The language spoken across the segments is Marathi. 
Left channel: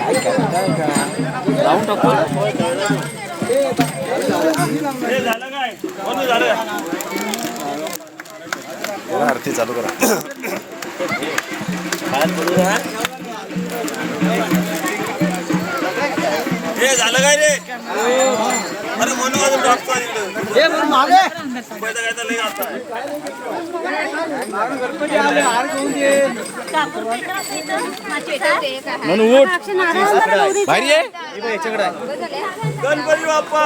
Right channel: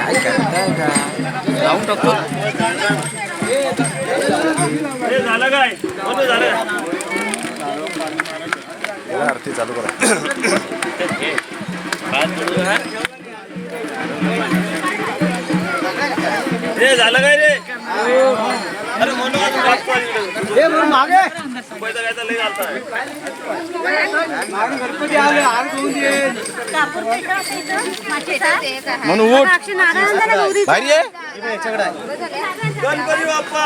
काय करताय का लावून टाकतो हे झालं काय कोणी झालं जरा आरती चालू करा. हे झालं काय रे? अरे म्हणून मागे. म्हणून उठ. भारी आहे. गणपती बाप्पा.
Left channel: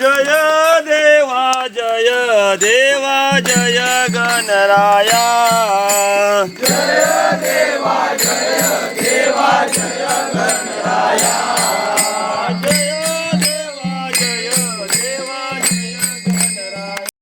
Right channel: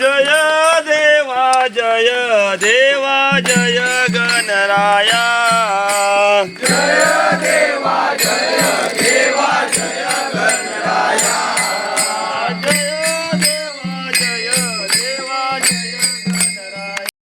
जय देवा जय देवा जय गणराया. जय